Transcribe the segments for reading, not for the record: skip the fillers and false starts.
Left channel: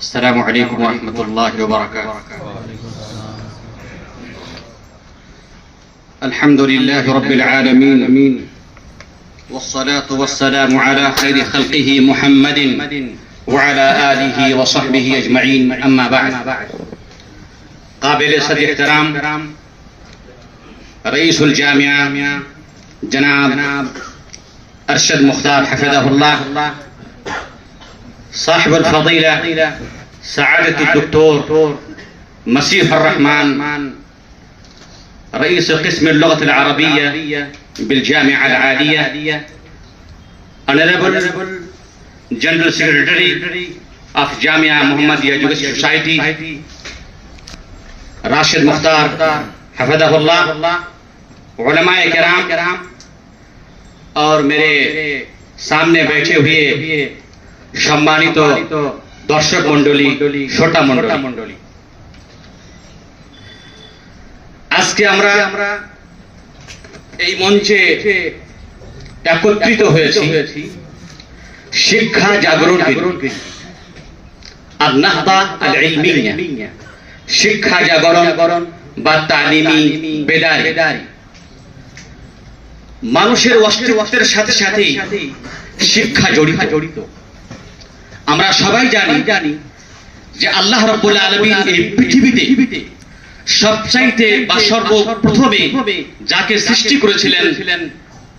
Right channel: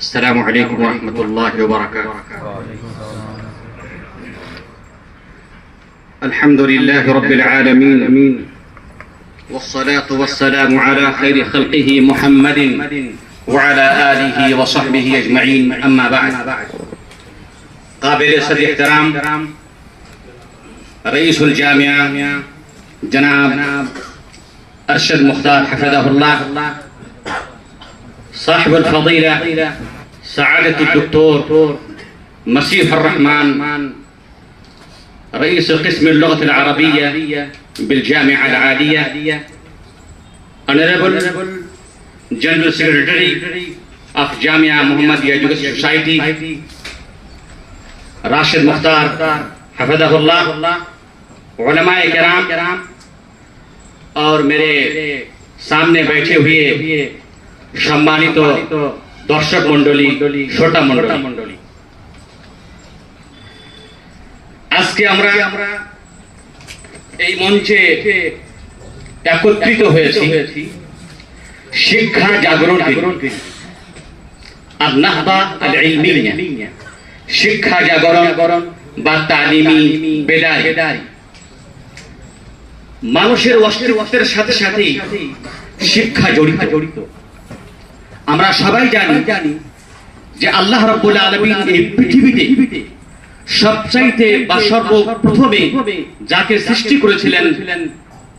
السلام عليكم ورحمة الله وبركاته. الحمد لله رب العالمين، والصلاة والسلام على خير خلقه محمد وعلى آله وصحبه أجمعين، أما بعد. قابل صدر احترام رئيس الجامعة جناب أرشد مختار حفظه الله، صاحب الفضيلة سعادة الدكتور مسيح الرحمن رئيس قسم اللغة العربية بالجامعة العالية، Honorable General Secretary of Jamia Muhammadiyya Education Society Rashid Mukhtar हफ़ज़हुल्लाह, उलमाए किराम और मेरे सामने बैठे हुए সম্মানিত দর্শক মণ্ডলী, শ্রোতা মণ্ডলী, আজকে আমরা এই মঞ্চে একত্রিত হয়েছি শিক্ষা জাগরণ আর নাহদা আল ইলমিয়া, শিক্ষা জাগরণ বা তালিমি বেদারি। মানুষের অস্তিত্বের সাথে সাথেই শিক্ষা জড়িত। আমরা সবাই জানি যে আল্লাহ রাব্বুল আলামিন এই পৃথিবীতে সবচাইতে বা সর্বপ্রথমে যাকে সৃষ্টি করেছিলেন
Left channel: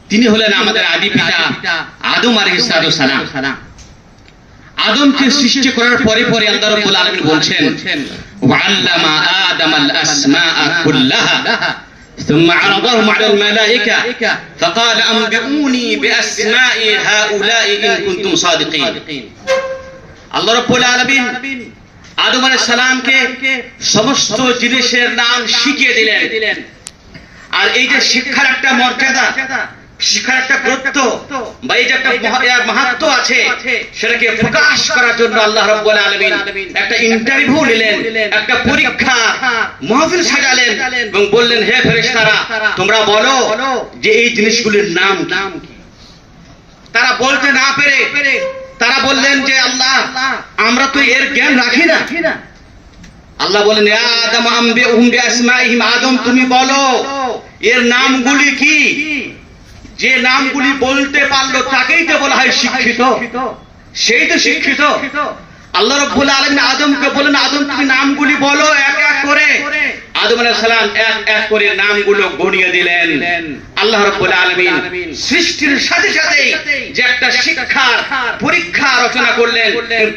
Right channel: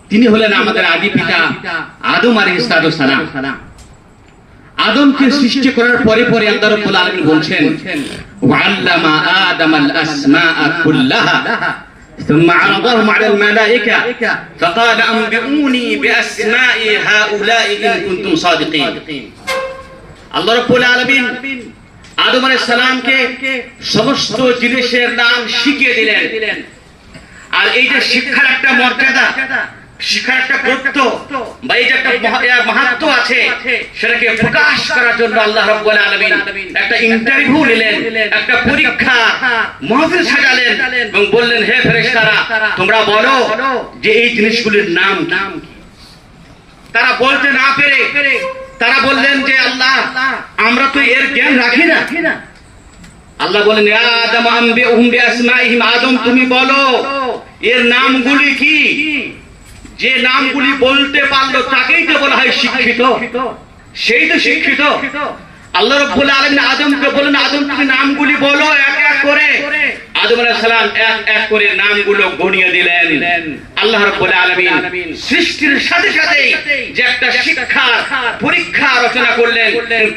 তিনি হলেন আমাদের আদি পিতা আদম আলাইহিস সালাম। আদমকে সৃষ্টি করার পরে আল্লাহ রাব্বুল আলামিন বলছেন ওয়াল্লামা আদামাল আসমাআ কুল্লাহা ثم عرضهم على الملائكة فقال أنبئوني بأسماء هؤلاء إن كنتم صادقين. আল্লাহ রাব্বুল আলামিন আদম আলাইহিস সালামকে সমস্ত জিনিসের নাম শিখিয়ে দিলেন। আর এই যে শিক্ষার একটা মর্যাদা, শিক্ষার একটা গুরুত্ব বা এই যে একটা মাহাত্ম্য আছে, সেটাকে প্রকাশ করার জন্য আল্লাহ রাব্বুল আলামিন একটা ইন্টারভিউ নিলেন, একটা পরীক্ষা মাহফিল সাজালেন এবং বললেন, হে ফেরেশতারা, তোমরা বলো যে এই জিনিসগুলির নাম কি। তারা বলতে না পেরে তারা বললেন যে আল্লাহ, আমরা তো এর জ্ঞান রাখি না। আল্লাহ বলেন, ইয়া আদম আনবিউহুম বিআসমাইহিম, আদম তুমি বলো এর নামগুলি কি। যে নামগুলি বলতে পারলো তাকেই তো বলা হয় শিক্ষিত, সেই তো শিক্ষিত। আল্লাহ রাব্বুল আলামিন আদমকে বলেন, আদম তুমি নামগুলি বলো এক এক করে। আদম আলাইহিস সালাম এক করে নামগুলো গণিয়ে দিলেন। আল্লাহ রাব্বুল আলামিন সৃষ্টির সাথে সাথে যে একটা শিক্ষার পরীক্ষা রচনা করলেন,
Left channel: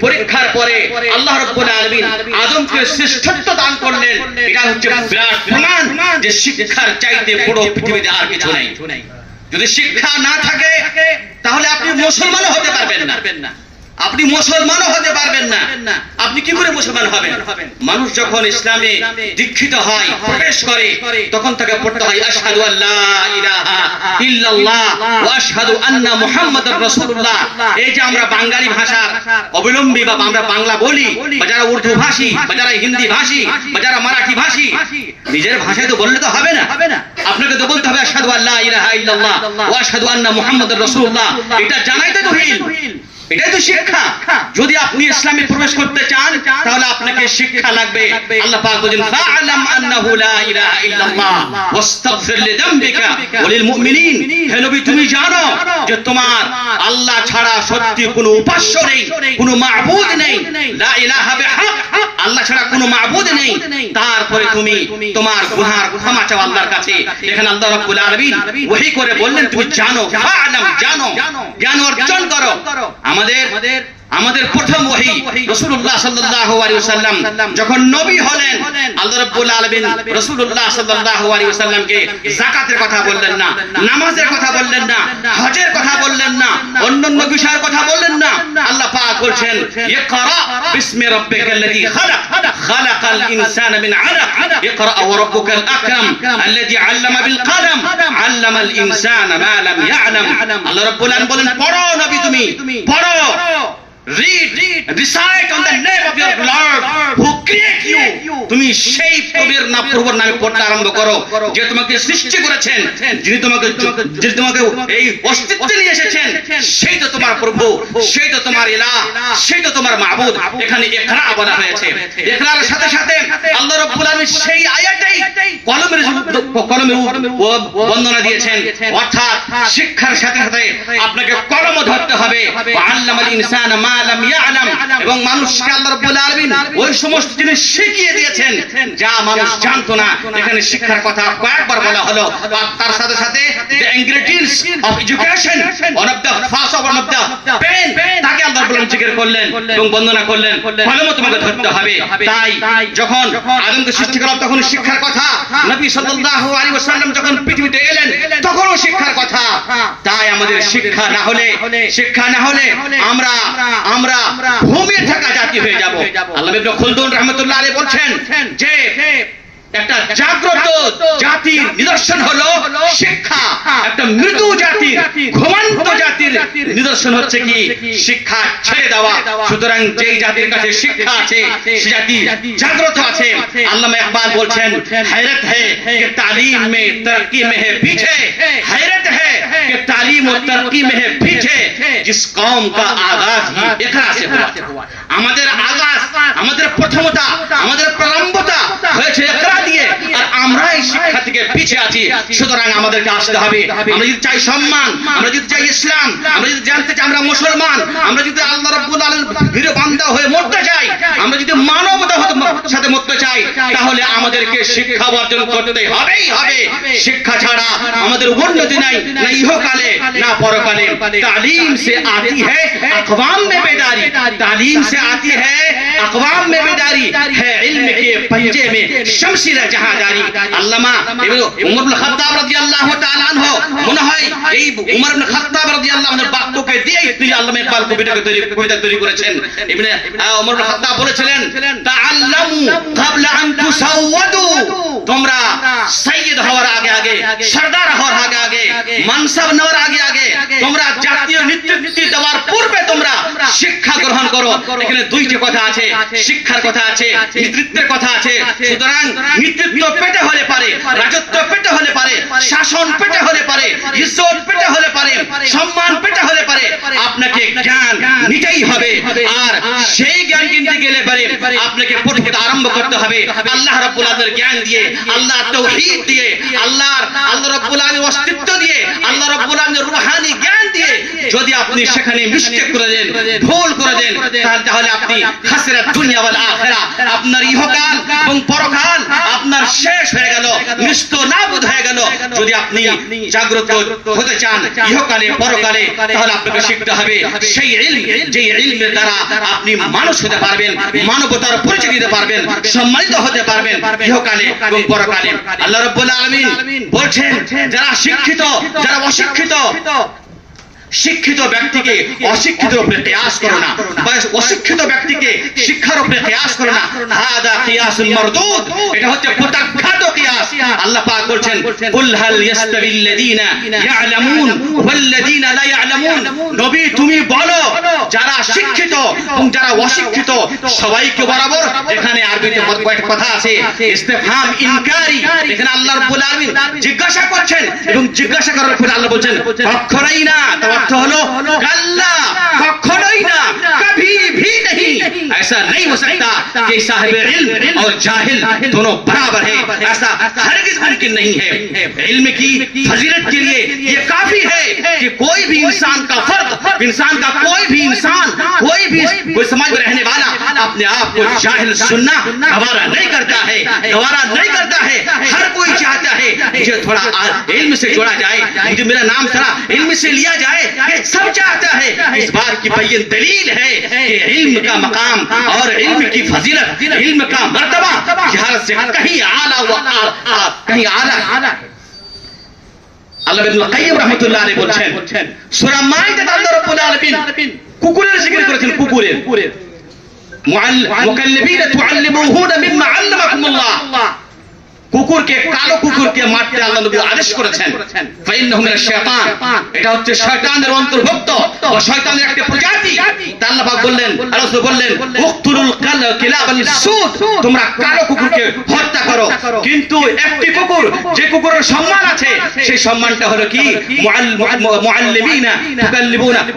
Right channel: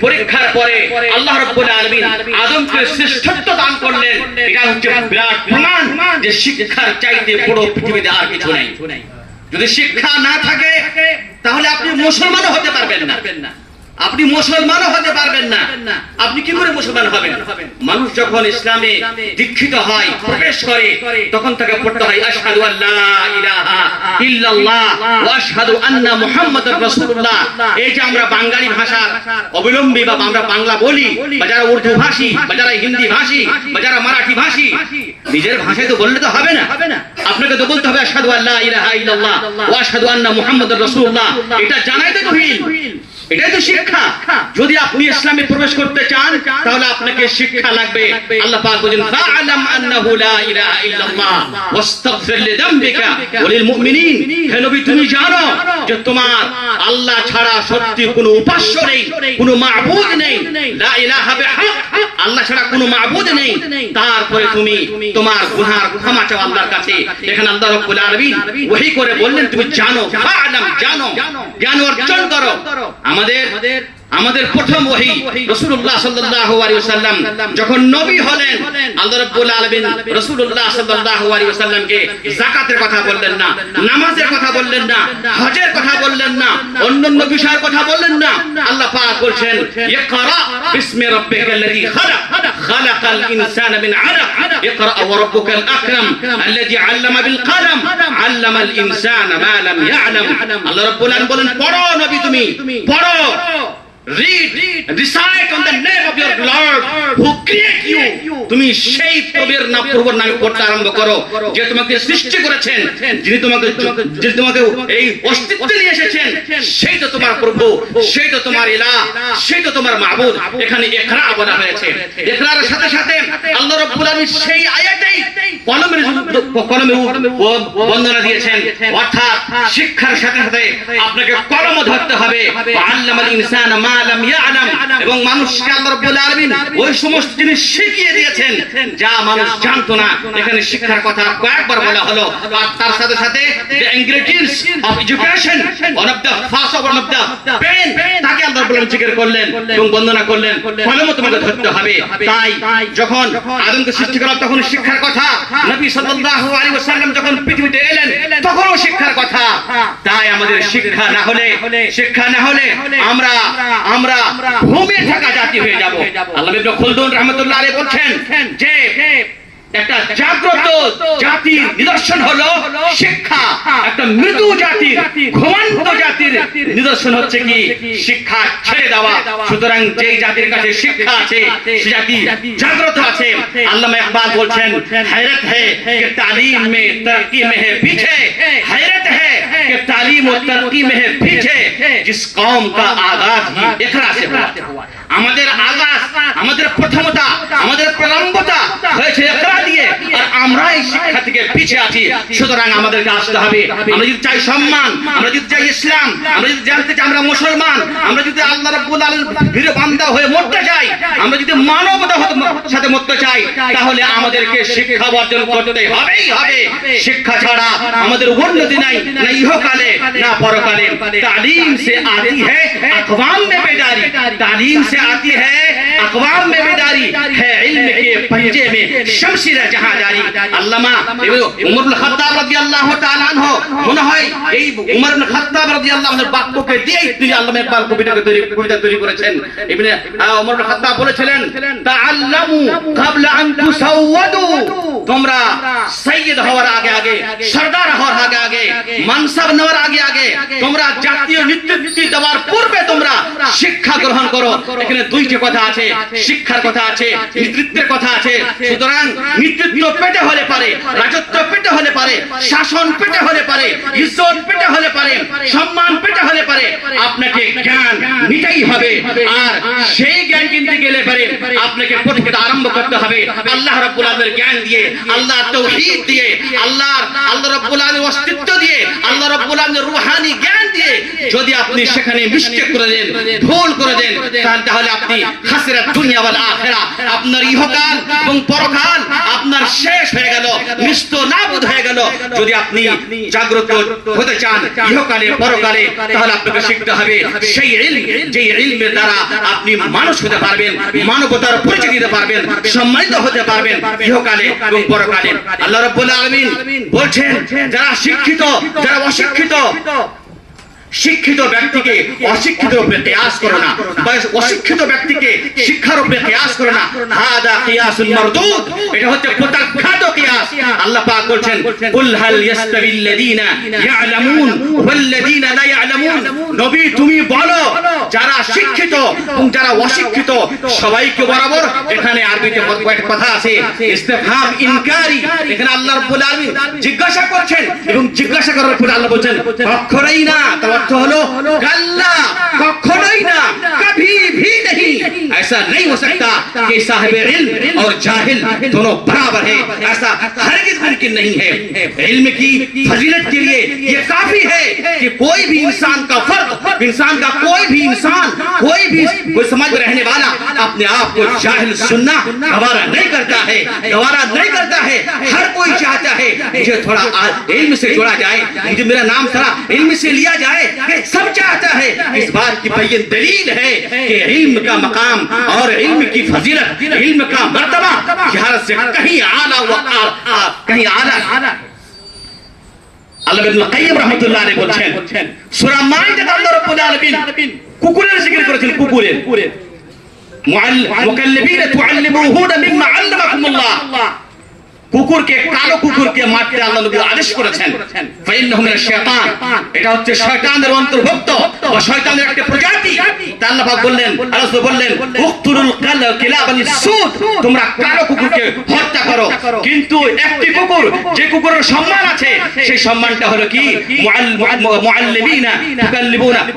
পরীক্ষার পরে আল্লাহ রাব্বুল আলামিন আদমকে শ্রেষ্ঠত্ব দান করলেন। এটা হচ্ছে বিরাট প্রমাণ যে শিক্ষার চাইতে বড় পৃথিবীতে আর কিছু নেই। যদি শিক্ষা না থাকে তাহলে আপনি মুসলমানও হতে পারবেন না। আপনি মুসলমানও হতে পারবেন না। আপনি কি করে মুসলমান হবেন? মানুষ যখন ইসলামে দীক্ষিত হয়, প্রবেশ করে, তখন তাকে পড়তে হয় আশহাদু আল্লা ইলাহা ইল্লাল্লাহ ওয়া আশহাদু আন্না মুহাম্মাদুর রাসূলুল্লাহ। এই যে আমরা বাঙালি ভাষার অবলম্বী বা আমরা বাংলা বলি, বা যারা উর্দু ভাষী, বা যারা হিন্দি ভাষী, বা যারা মারাঠি ভাষী, নিজের ভাষায় তো বললে তো হবে না। আপনাকে তো বলতে হবে আশহাদু আল্লা ইলাহা ইল্লাল্লাহ ওয়া আশহাদু আন্না মুহাম্মাদুর রাসূলুল্লাহ। এটা জানাই তো তাওহীদ, এটাই তো শিক্ষা। যদি আপনি ইসলামে প্রবেশ করতে চান তাহলে আপনাকে শিক্ষা লাগবে। আল্লাহ পাক বলেন, ফাআলাম আন্নাহু লা ইলাহা ইল্লাল্লাহ ওয়াস্তাগফির লিযামবিকা ওয়া লিল মুমিনিন। হে নবী, তুমি জানো যে তোমার আল্লাহ ছাড়া সত্যি কোনো উপাস্য নেই, কোনো মাবুদ নেই। লা ইলাহা বিহাক, আল্লাহ ছাড়া কোনো মাবুদ নেই। তারপরে তুমি তোমার গুনাহ ক্ষমা চাও আল্লাহর কাছে। এখানে আল্লাহ রাব্বুল আলামিন ওহী করে বললেন, তুমি জানো, ফাআলাম, জানো, জ্ঞান অর্জন করো। আমাদের প্রথম ওহী রাসূলুল্লাহ সাল্লাল্লাহু আলাইহি ওয়াসাল্লাম যখন নবী হলেন, আল্লাহ রাব্বুল আলামিন রাসূলুল্লাহ সাল্লাল্লাহু আলাইহি ওয়াসাল্লামকে যাকাতের কথা বললেন না, নামাজের কথা বললেন না, হজের কথা বললেন না, অন্যান্য বিষয়ের কথা বললেন না। আল্লাহ পাক বলছেন, ইকরা বিসমি রাব্বিকাল্লাযী খালাক, খালাকাল ইনসানা মিন আলাক, ইকরা ওয়া রাব্বুকাল আকরাম আল্লাযী আল্লামা বিল কলম, আল্লামাল ইনসানা মা লাম ইয়ালাম। আল্লাহ রাব্বুল আলামিন বলেন, পড়ো নবী, তুমি পড়ো, read, recite on the name of your Lord who create you, তুমি সেই প্রভুর নামে পড়তে আরম্ভ করো যে তোমাকে সৃষ্টি করেছেন, যিনি তোমাকে এই অস্তিত্বে নিয়ে এসেছেন, সেই তো তোমার প্রভু, সেই তো তোমার ইলাহ, সেই তো তোমার মাবুদ। এখানে ইকরা বলা হয়েছে। ইকরার সাথে সাথে আল্লাহ রাব্বুল আলামিন সেই আয়াতেই কলমের বন্দনা দিয়েছেন, অর্থাৎ শিক্ষার সাথে সাথে আপনাকে কলম ধরতে হবে। আল্লামাল ইনসানা মা লাম ইয়ালাম, এবং মানুষকে আল্লাহ রাব্বুল আলামিন ওই সমস্ত জিনিস শিখিয়ে দিয়েছেন যা মানুষ জানতো না। এখানে শিক্ষার কথা কয়েকবার বলা হলো। আর তার সাথে সাথে the ingredients of education, one of the first of one of the pain, তাকে আল্লাহ রাব্বুল আলামিন জিকির করলেন এবং বন্দনা করলেন, কলম তোমাকে ধরতে হবে। তাই যখন আদমকে সৃষ্টি করা তখন শিক্ষার কথা, নবী সাল্লাল্লাহু আলাইহি ওয়াসাল্লাম যখন পৃথিবীতে এলেন তখনও শিক্ষার কথা। তাই আমাদের শিক্ষা না হলে আমরা ঘুমিয়ে থাকা জাতি হয়ে যাব। আল্লামা ইবনে খালদুন রাহমাতুল্লাহ আলাইহি বলছেন যে একটা জাগ্রত জাতির নিদর্শন হলো শিক্ষা, একটা মৃদু জাতির, ঘুমন্ত জাতির নিদর্শন হচ্ছে কি শিক্ষা ছেড়ে দেওয়া। সুতরাং যেই জাতির কাছে শিক্ষা আছে সে জাতি জাগ্রত আছে। আল্লামা ইকবাল বলছেন, हैरत है कि तालीम में तरक्की में है पीछे, हैरत है कि तालीम और तरक्की में है पीछे, जिस कौम का आगाज ही इकरा से हुआ। আমাদের আগাজ, আমাদের প্রথমতা, আমাদের প্রারম্ভতা হয়েছে ইকরা দিয়ে, আর আমরা এই শিক্ষা থেকে পিছিয়ে আছি। সুতরাং আমাদেরকে আসতে হবে। আমরা যদি চাই সম্মান, আমরা যদি চাই ইসলাম, আমরা যদি জানতে চাই আমরা মুসলমান, আমরা যদি আল্লাহ রাব্বুল আলামিনের বান্দা হয়ে মরতে চাই, আমরা যদি মানবতার সাথে মরতে চাই, তাহলে আমাদেরকে শিক্ষা অর্জন করতে হবেই হবে। শিক্ষা ছাড়া আমাদের উন্নতি নাই, না ইহকালে না পরকালে। তালিম সে আতি है अक़वाम में बेदारी, तालीम से आती है अक़वाम में बेदारी, है इल्म के पंजे में शमशीर जहांदारी। আল্লামা উমর ইবনে খাত্তাব রাদিয়াল্লাহু তাআলা আনহু, মনে হয় এই উমর ইবনে খাত্তাব রাদিয়াল্লাহু আনহুর বাক্যকে দিয়ে তিনি আল্লামা ইকবাল কবিতা তৈরি করেছেন। ইবনে উমর ইবনে খাত্তাব বলেছিলেন, তাআল্লামু ক্বাবলা আন তুসাওয়াদু, তোমরা সৈয়দ হওয়ার আগে আগে, সরদার হওয়ার আগে আগে, মানসাব নেওয়ার আগে আগে, তোমরা জাতীয় নেতৃত্ব দেওয়ার পূর্বে তোমরা শিক্ষা গ্রহণ করো। এখানে দুইটি কথা আছে, শিক্ষার কথা আছে, নেতৃত্বের কথা আছে। সুতরাং নেতৃত্ব পেতে হলে পারে, রাজত্ব পেতে হলে পারে, শাসন পেতে হলে পারে, ইজ্জত পেতে হলে পারে, সম্মান পেতে হলে পারে, আপনাকে জ্ঞান নিতেই হবে। আর সেই জ্ঞান কিনতে গেলে পারে আপনাকে পড়তে আরম্ভ করতে হবে আল্লাহ রাব্বুল আলামিনের জ্ঞান দিয়ে, আল্লাহ তাওহীদ দিয়ে, আল্লাহ রাব্বুল আলামিনের অস্তিত্ব দিয়ে, আল্লাহ রাব্বুল আলামিনের রূহানি জ্ঞান দিয়ে। যদি আপনি সেখানে মিস্টেক করে দেন, ভুল করে দেন, তাহলে আপনি খাসিরাত দুনিয়া ওয়াল আখিরা, আপনার ইহকাল এবং পরকাল আপনার শেষ হয়ে গেল, নিস্ত নাবুদ হয়ে গেল। যদি আপনি জাগ্রত হতে চান ইহকালে পরকালে, তাহলে আপনাকে শিখতে হবে সেই ইলম, যে ইলমের দ্বারা আপনি মানুষ হতে পারবেন, মানবতার পরিচয় দিতে পারবেন, সম্মানিত হতে পারবেন ইহকালে এবং পরকালে। আল্লাহ রাব্বুল আলামিন বলছেন, যারা শিক্ষিত, যারা অশিক্ষিত, শিক্ষিত ব্যক্তিকে অশিক্ষিতের উপরে কিয়াস করো না, বা অশিক্ষিত ব্যক্তিকে শিক্ষার উপরে কিয়াস করো না। হাদা কিয়াসুল মারদুদ, এটা হচ্ছে প্রত্যাখ্যাত কিয়াস। আল্লাহ পাক বলছেন, কুল হাল ইয়াস্তাবিল্লাযীনা ইয়ালামুন ওয়াল্লাযীনা লা ইয়ালামুন, নবী তুমি বলো যারা শিক্ষিত এবং যারা অশিক্ষিত সবাইকে বরাবর। এখানে আরবিতে কয়েকটা কথা আছে, ইস্তিফহাম ইনকারি। এখানে আল্লাহ রাব্বুল আলামিন জিজ্ঞাসা করছেন এবং জিজ্ঞাসা করার পরে আল্লাহ বলছেন কখনোই না। अर्थ হলো কাল্লা, কখনোই না, কभी भी नहीं, ऐसा नहीं हो सकता कि साहिब इल्म और जाहिल दोनों बराबर है। ऐसा हरगिज़ मुमकिन नहीं है। इल्म की फजीलत के लिए ये काफी है कि कोई भी इंसान का फर्द, इंसान का कोई भी इंसान, कोई समाज में रहने वाला अपने आप को जाहिल सुनना गवारा नहीं करता है, गवारा नहीं करता है। हर कोई चाहता है मुझे थोड़ा इल्म से जोड़ा जाए, मुझे मेरा नाम थोड़ा इल्म से लिया जाए, सब चाहता है। इस बात की बैन दलील है कि इल्म का मकाम और इल्म की फजीलत, इल्म का मर्तबा जहालत से कहीं आला कहीं आला। আল্লাহ ইবনে কাইয়্যিম রাহমাতুল্লাহ আলাইহি বলেন, সূরা মাইদাতে আল্লাহ রাব্বুল আলামিন কুকুরের জিকির করেছেন। কুকুরের মুকাল্লিবিনা তুআল্লিমুহুনা মিম্মা আল্লামাকুমুল্লাহ, কুকুরকে, কালো কুকুরকে মারতে আল্লাহ নবী আদেশ করেছেন। ফাইন্নাহু মিনাশ শায়তান, এটা হচ্ছে শয়তানের অন্তর্ভুক্ত বা শয়তানের একটা প্রজাতি। তা আল্লাহ পাক বললেন, রাসূল বললেন, উকতুলুল কিলাবাল সুদ, তোমরা কালো কুকুরকে হত্যা করো। কিন্তু একটি কুকুর, যে কুকুরের সম্মান আছে, সেই সম্মানটা হলো কি, মুআল্লিমিনা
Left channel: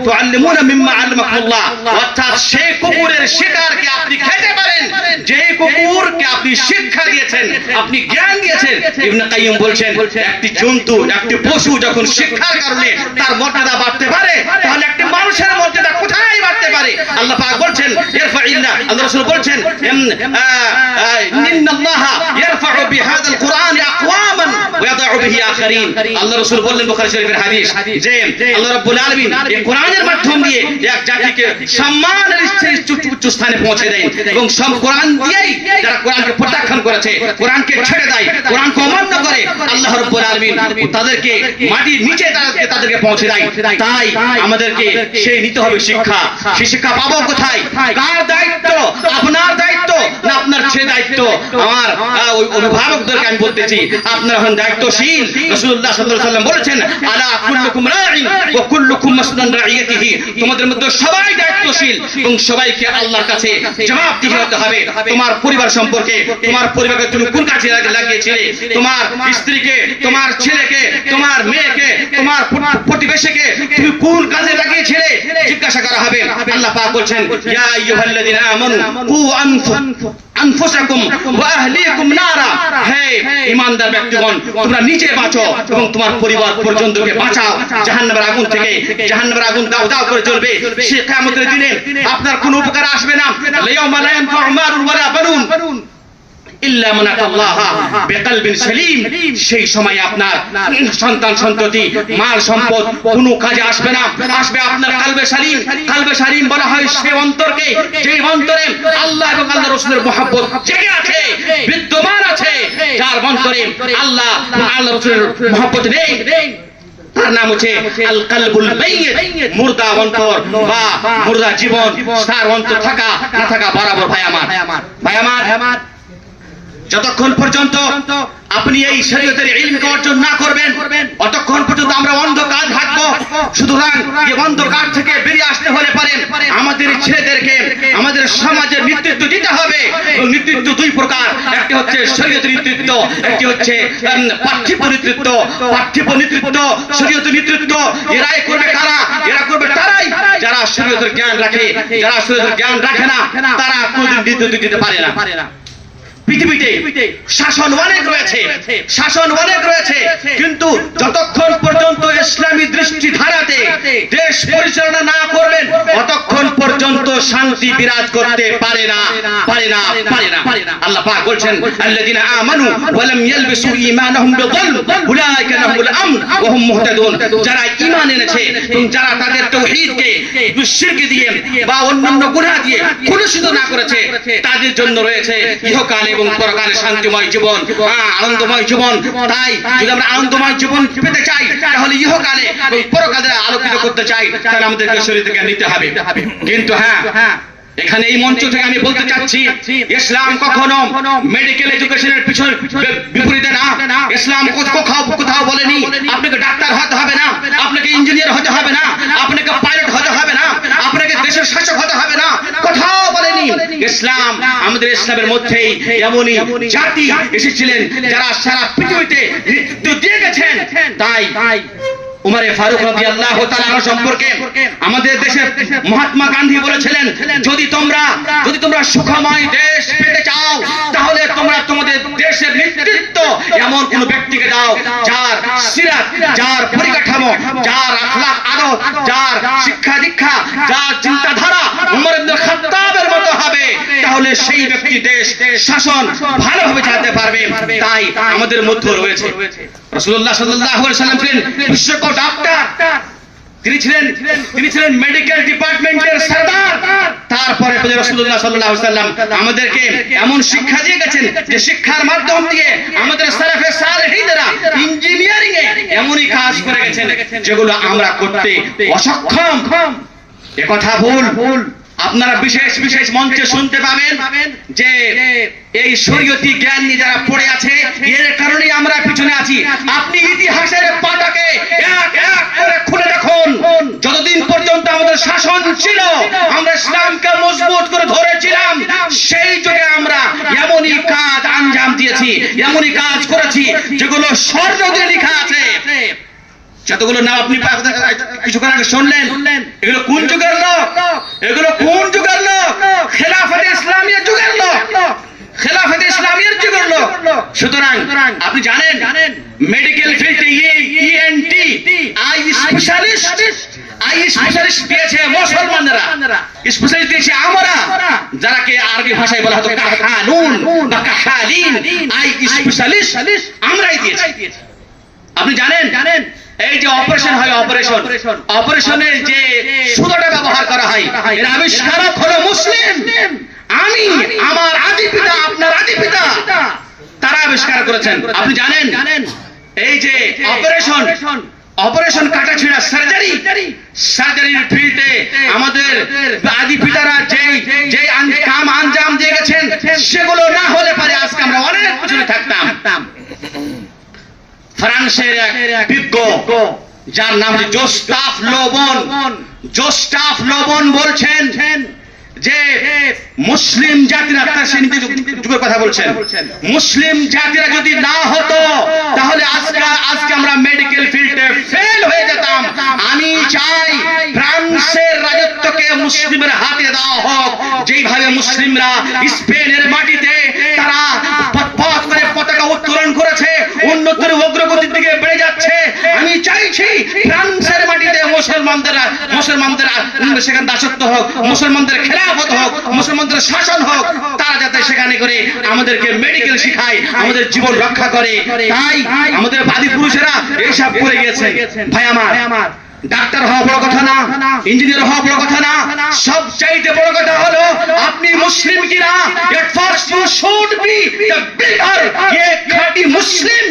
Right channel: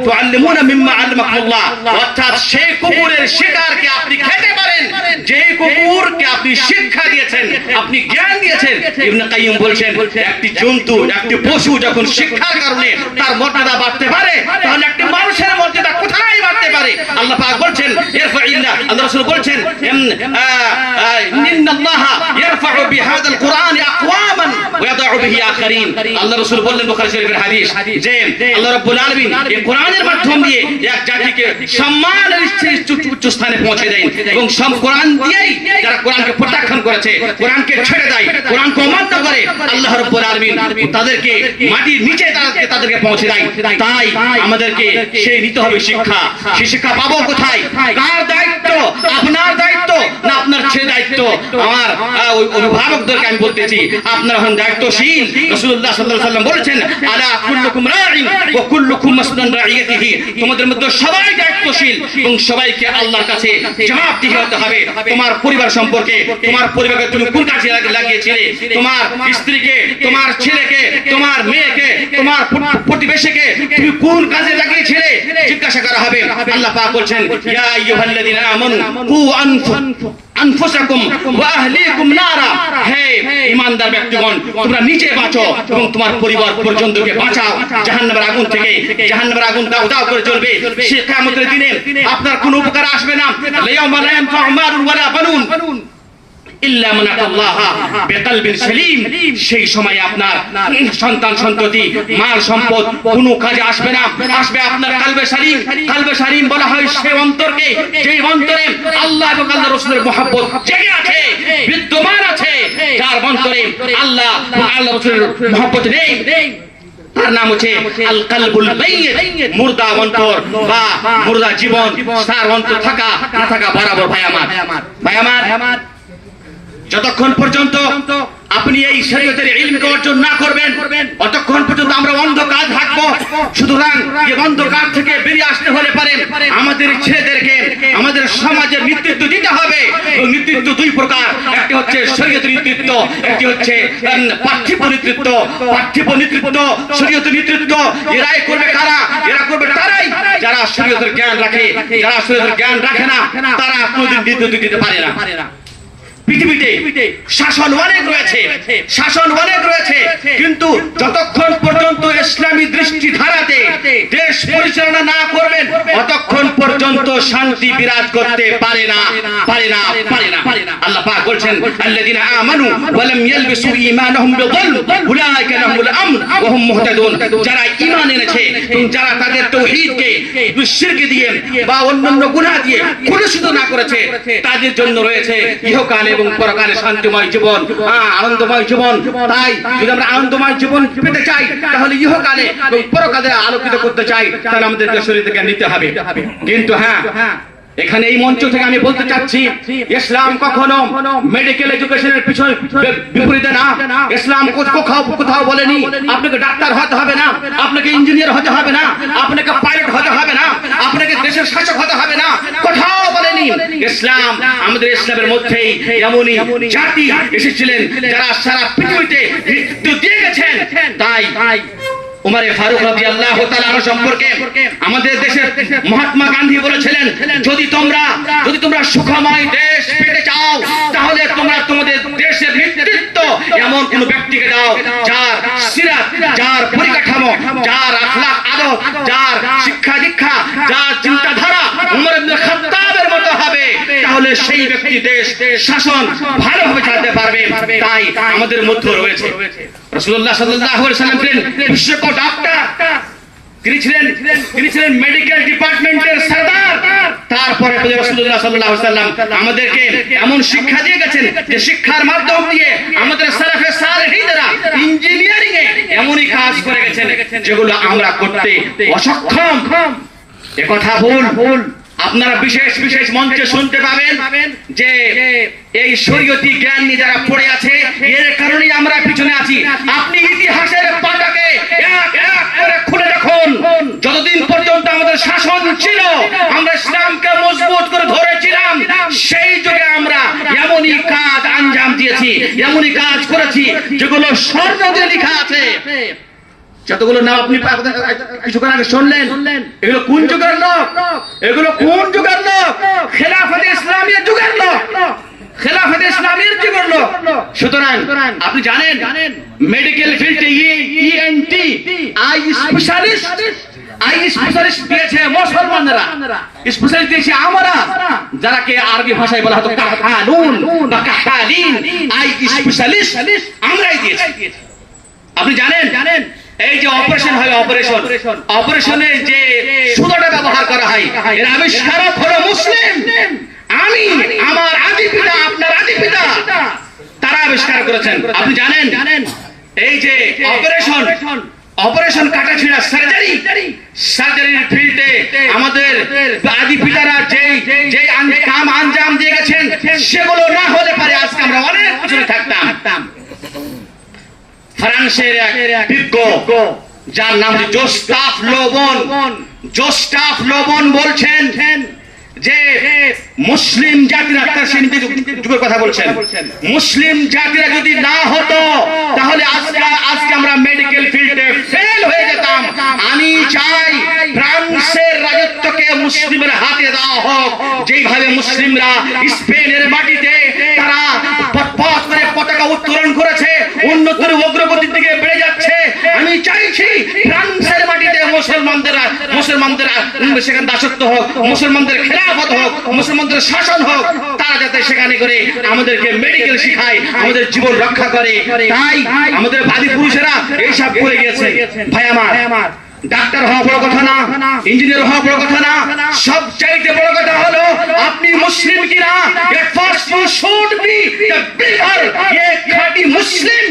তুআল্লিমুনা মিম্মা আল্লামাকুমুল্লাহ, অর্থাৎ সেই কুকুরের শিকারকে আপনি খেতে পারেন যে কুকুরকে আপনি শিক্ষা দিয়েছেন, আপনি জ্ঞান দিয়েছেন। ইবনে কাইয়্যিম বলছেন, একটি জন্তু, একটি পশু যখন শিক্ষার কারণে তার মর্যাদা বাড়তে পারে, তাহলে একটি মানুষের মর্যাদা কোথায় বাড়তে পারে? আল্লাহ পাক বলছেন, ইরফাইল্লাহ, আল্লাহ রাসূল বলছেন, ইন্নাল্লাহা ইয়ারফাউ বিহাদাল কুরআন আকওয়ামান ওয়া ইয়াদউ বিহি আখারিন। আল্লাহ রাসূল বললেন, বুখারী শরীফের হাদিস, যে আল্লাহ রাব্বুল আলামিন এই কোরআনের মাধ্যম দিয়ে এক জাতিকে সম্মানের উচ্চ স্থানে পৌঁছে দেন, এবং সব কোরআন দিয়েই যারা কোরআনকে প্রত্যাখ্যান করেছে, কোরআনকে ছেড়ে দেয়, কোরআনকে অমান্য করে, আল্লাহ রাব্বুল আলামিন তাদেরকে মাটির নিচে তাদেরকে পৌঁছে দেয়। তাই আমাদেরকে সেই নিতে হবে শিক্ষা। সেই শিক্ষা পাবো কোথায়? কার দায়িত্ব? আপনার দায়িত্ব না আপনার ছেলে দায়িত্ব? আমার অভিভাবকদেরকে আমি বলতেছি, আপনারা হন দায়িত্বশীল। রাসূলুল্লাহ সাল্লাল্লাহু আলাইহি ওয়াসাল্লাম বলেছেন, আলা কুল্লুকুম রাঈন ওয়া কুল্লুকুম মাসউলুন আন রাঈয়াতিহি, তোমাদের মধ্যে সবাই দায়িত্বশীল এবং সবাইকে আল্লাহর কাছে জবাবদিহি হতে হবে। তোমার পরিবার সম্পর্কে, তোমার পরিবারকে তুমি কোন কাজে লাগিয়েছিলে, তোমার স্ত্রীকে, তোমার ছেলেকে, তোমার মেয়েকে, তোমার প্রতিবেশীকে তুমি কোন কাজে লাগিয়েছিলে, জিজ্ঞাসা করা হবে। আল্লাহ পাক বলছেন, ইয়া আইয়ুহাল্লাযীনা আমানু কু আনফুসাকুম ওয়া আহলিকুম নারা, হে ঈমানদার ব্যক্তিগণ, তোমরা নিজে বাঁচো এবং তোমার পরিবার পর্যন্তকে বাঁচাও জাহান্নামের আগুন থেকে। জাহান্নামের আগুন দাও দাও করে জ্বলবে, সে কিয়ামতের দিনে আপনার কোনো উপকার আসবে না। ইয়াউমা লা ইয়ানফাউ মালুন ওয়ালা বানুন ইল্লা মান আতাল্লাহা বিকালবিন সালিম, সেই সময় আপনার সন্তান সন্ততি, মাল সম্পদ কোনো কাজে আসবে না, আসবে আপনার কালবে সালিম। কালবে সালিম বলা হয় সেই অন্তরকে, যেই অন্তরে আল্লাহ এবং আল্লাহ রাসূলের মহব্বত জেগে আছে, বিদ্যমান আছে, যার অন্তরে আল্লাহ এবং আল্লাহ রাসূলের মহব্বত নেই, তার নাম হচ্ছে আল কালবুল মাইয়িত, মুর্দা অন্তর বা মুর্দা জীবন। তার অন্তর থাকা না থাকা বরাবর। ভাই আমার, যতক্ষণ পর্যন্ত আপনি এই শরীয়তের ইলমকে অর্জন না করবেন, ততক্ষণ পর্যন্ত আমরা অন্ধকার থাকবো। সুতরাং এই অন্ধকার থেকে বেরিয়ে আসতে হলে পারে আমাদের ছেলেদেরকে আমাদের সমাজের নেতৃত্ব দিতে হবে। নেতৃত্ব দুই প্রকার, একটি হচ্ছে শরীয়তের নেতৃত্ব, একটি হচ্ছে পার্থিব নেতৃত্ব। পার্থিব নেতৃত্ব, শরীয়তের নেতৃত্ব এরাই করবে কারা? এরা করবে তারাই যারা শরীয়তের জ্ঞান রাখে। যারা শরীয়তের জ্ঞান রাখে না, তারা কোনোদিন নেতৃত্ব দিতে পারে না। পৃথিবীতে শাসন অনেক রয়েছে, কিন্তু যতক্ষণ পর্যন্ত ইসলামী দৃষ্টিধারাতে দেশ পরিচালনা না করবেন, ততক্ষণ পর্যন্ত শান্তি বিরাজ করতে পারে না। আল্লাহ পাক বলছেন, আল্লাযীনা আমানু ওয়া লাম ইয়ালবিসু ঈমানাহুম বিযুলম উলাইকা লাহুমুল আমন ওয়া হুম মুহতাদুন, যারা ঈমান এনেছে এবং যারা তাদের তাওহীদকে শিরক দিয়ে বা অন্যান্য গুনাহ দিয়ে কলুষিত না করেছে, তাদের জন্য রয়েছে ইহকাল এবং পরকালে শান্তিময় জীবন, আনন্দময় জীবন। তাই যদি আমরা আনন্দময় জীবন পেতে চাই, তাহলে ইহকালে এবং পরকালে আলোকিত করতে চাই, তাহলে আমাদেরকে শরীর থেকে নিতে হবে। কিন্তু এখানে এই মঞ্চ থেকে আমি বলতে চাচ্ছি, ইসলাম কখনো মেডিকেল এডুকেশনের পিছনে বিপরীতে না। ইসলাম কোথাও বলেনি আপনাকে ডাক্তার হতে হবে না, আপনাকে ইঞ্জিনিয়ার হতে হবে না, আপনাকে পাইলট হতে হবে না, আপনাকে দেশের শাসক হতে হবে না, কোথাও বলেনি। ইসলাম, আমাদের ইসলামের মধ্যেই এমনই জাতি এসেছিলেন যারা সারা পৃথিবীতে নেতৃত্ব দিয়ে গেছেন। তাই উমরে ফারুক রাদিয়াল্লাহু তাআলা আনহু সম্পর্কে আমাদের দেশের মহাত্মা গান্ধী বলেছিলেন, যদি তোমরা সুখময় দেশ পেতে চাও, তাহলে তোমরা তোমাদের দেশের নেতৃত্ব এমন কোন ব্যক্তিকে দাও যার সিরাত, যার পরিকাঠামো, যার আখলাক আদব, যার শিক্ষা দীক্ষা, যার চিন্তাধারা উমর ইবনে খাত্তাবের মতো হবে, তাহলে সেই ব্যক্তি দেশ শাসন ভালোভাবে চালাতে পারবে। তাই আমাদের মধ্যে রয়েছে রাসূলুল্লাহ সাল্লাল্লাহু আলাইহি ওয়াসাল্লাম ছিলেন বিশ্বকোষ ডাক্তার, তিনি ছিলেন মেডিকেল ডিপার্টমেন্টের সরদার। তারপরে রাসূলুল্লাহ সাল্লাল্লাহু আলাইহি ওয়াসাল্লাম আমাদেরকে এমন শিক্ষা দিয়ে গেছেন যে শিক্ষার মাধ্যম দিয়ে আমাদের সালাফে সালেহিনরা ইঞ্জিনিয়ারিং এ এমনই কাজ করে গেছেন যেগুলো আমরা করতে অসক্ষম। একথা ভুল। আপনারা বিশেষ বিশেষ মঞ্চে শুনতে পাবেন যে এই শরীয়তি জ্ঞান নিয়ে যারা পড়ে আছে, এর কারণেই আমরা পিছনে আছি। আপনি ইতিহাসের পাতাকে এক এক করে খুলে দেখুন। যতদিন পর্যন্ত আমাদের শাসন ছিল, আমরা ইসলামকে মজবুত করে ধরেছিলাম, সেই যুগে আমরা এমনই কাজ আঞ্জাম দিয়েছি, এমনই কাজ করেছি যেগুলো স্বর্ণ দিয়ে লেখা আছে। যতগুলো নাম আপনি কিছুক্ষণ আগে শুনলেন, এগুলো কোন যুগের লোক? এগুলো কোন যুগের লোক? খেলাফতে ইসলামিয়া যুগের লোক, খেলাফতে ইসলামিয়ার যুগের লোক। সুতরাং আপনি জানেন মেডিকেল ফিল্ডে ইএনটি আই স্পেশালিস্ট দিয়েছে মুসলমানরা, স্পেশালিস্ট দিয়েছে আমরা, যারাকে আরবি ভাষায় বলা হতো কাহানুন বা কাহালিন। আই স্পেশালিস্ট আমরাই দিয়েছি। আপনি জানেন এই যে অপারেশন হয়, অপারেশনে যে সুতোটা ব্যবহার করা হয়, এর আবিষ্কারক হলো মুসলিম। আমি, আমার আদি পিতা, আপনার আদি পিতা, তারা আবিষ্কার করেছেন। আপনি জানেন এই যে অপারেশন কাটা ছিঁড়া সার্জারির ফিল্ডে আমাদের আদি পিতারা যে কাম আঞ্জাম দিয়ে গেছেন, সেগুলো না হলে পারে আজকে আমরা অনেক পিছনে থাকতাম। ফ্রান্সের এক বিজ্ঞ, যার নাম জোস্টাফ লোবন বলছেন যে মুসলিম জাতিরা, যুগের কথা বলছেন, মুসলিম জাতিরা যদি না হতো তাহলে আজকে আমরা মেডিকেল ফিল্ডে ফেল হয়ে যেতাম। আমি চাই ফ্রান্সের রাজত্বকে মুসলিমের হাতে দেওয়া হোক, যেইভাবে মুসলিমরা স্পেনের মাটিতে তারা পতাকা উত্তোলন করেছে, উন্নতির অগ্রগতির দিকে বেড়ে যাচ্ছে। আমি চাইছি ফ্রান্সের মাটিতে মুসলমানদের সেখানে দাসত্ব হোক, মুসলমানদের খেলাফত হোক, মুসলমানদের শাসন হোক। তারা যাতে সেখানে করে আমাদেরকে মেডিকেল শিখায়, আমাদের জীবন রক্ষা করে। তাই আমাদের বাদী পুরুষেরা এইসব করে গেছে। ভাই আমার, ডাক্তার হওয়া বড় কথা না, ইঞ্জিনিয়ার হওয়া বড় কথা না, সবচাইতে বড় কথা হলো আপনি মুসলিম কিনা। First you should be the believer, ये खाटी मुस्लिम,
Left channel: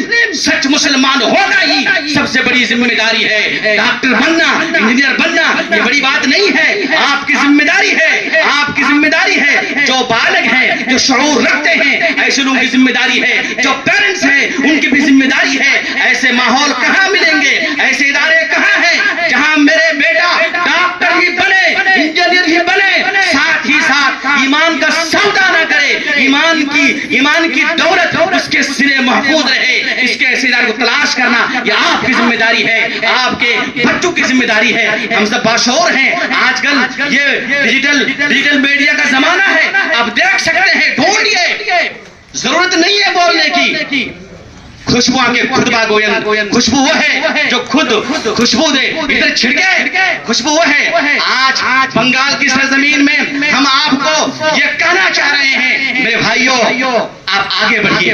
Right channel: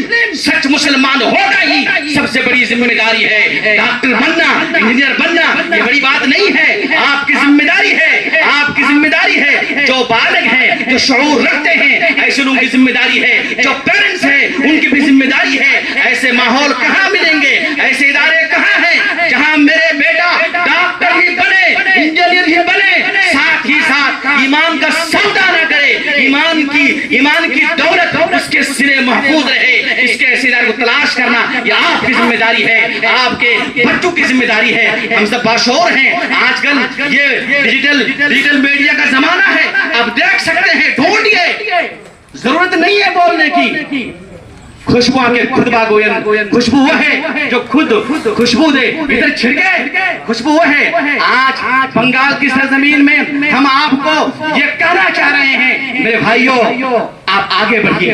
सच मुसलमान होना ही सबसे बड़ी जिम्मेदारी है। डॉक्टर बनना, इंजीनियर बनना ये बड़ी बात नहीं है, आपकी जिम्मेदारी है, आपकी जिम्मेदारी है। जो बालिग है, जो शऊर रखते हैं, ऐसे लोगों की जिम्मेदारी है। जो पेरेंट्स हैं, उनकी भी जिम्मेदारी है। ऐसे माहौल कहाँ मिलेंगे, ऐसे इदारे कहाँ हैं जहाँ मेरे बेटा डॉक्टर ही बने, इंजीनियर ही बने, साथ ही साथ ईमान का सौदा न करे, ईमान की दौलत उसके सिरे महफूज रहे। इसके सिरे को तलाश करना ये आपकी जिम्मेदारी है, आपके बच्चों की जिम्मेदारी है। हम सब बाशऊर हैं। आजकल ये डिजिटल मीडिया का जमाना है, आप देख सकते हैं, ढूंढिए, जरूरत नहीं है बोलने की। खुशबू आके खुतबा गोयन, खुशबू वो है जो खुद खुशबू दे, इधर छिड़के, खुशबू वो है। आज बंगाल की सरजमीन में हम आपको ये कहना चाह रहे हैं, मेरे भाइयों, आप आगे बढ़िए,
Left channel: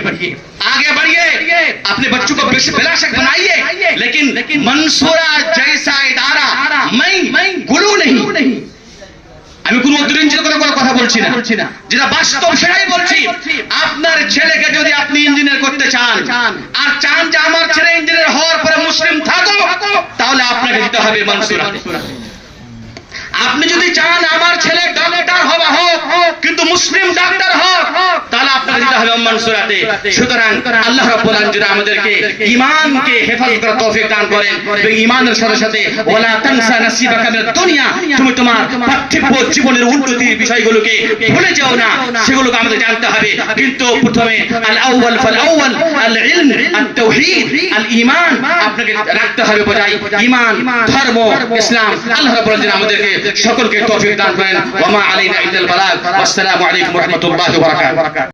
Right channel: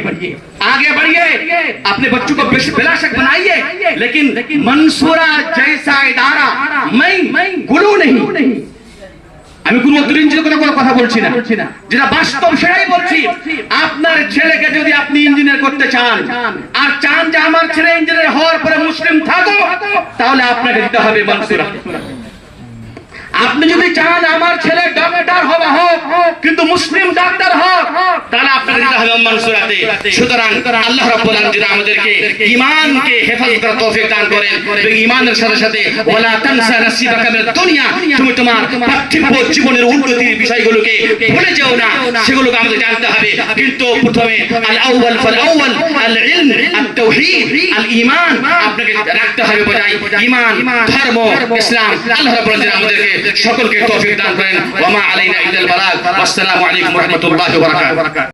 अपने बच्चों को बेलाशक बनाइए, लेकिन मंसूरा जैसा इदारा मैं गुलू नहीं, আমি কোন অতিরঞ্জিত কথা বলছি না, যেটা বাস্তব সেটাই বলছি। আপনার ছেলেকে যদি আপনি ইঞ্জিনিয়ার করতে চান আর চান যে আমার ছেলে ইঞ্জিনিয়ার হওয়ার পরে মুসলিম থাকুক, তাহলে আপনাকে দিতে হবে মানসুরা। আপনি যদি চান আমার ছেলে ডক্টর হোক কিন্তু মুসলিম ডক্টর হোক, তাহলে আপনাকে দিতে হবে মানসুরাতে। সুতরাং আল্লাহ রাব্বুল আলামিন আমাদেরকে ঈমানকে হেফাজত করার তৌফিক দান করেন। এবং ঈমানের সাথে সাথে ওয়ালা তানসা নাসিবাকা মিনাদ দুনিয়া, তুমি তোমার পার্থিব জীবনের উন্নতির বিষয়গুলোকে ভুলে যেও না, সেগুলোকে আমাদের জানতে হবে। কিন্তু প্রথমে আল আউয়াল ফাল আউয়াল আল ইলম আত তাওহীদ আল ঈমান আপনাকে রাখতে হবে। বোঝাই ঈমান, ধর্ম, ইসলাম। আল্লাহ রাব্বুল আলামিন আমাদেরকে সকলকে তৌফিক দান করেন। ওয়া মা আলাইনা ইল্লাল বালাগ। আসসালামু আলাইকুম ওয়া রাহমাতুল্লাহি ওয়া বারাকাতুহু।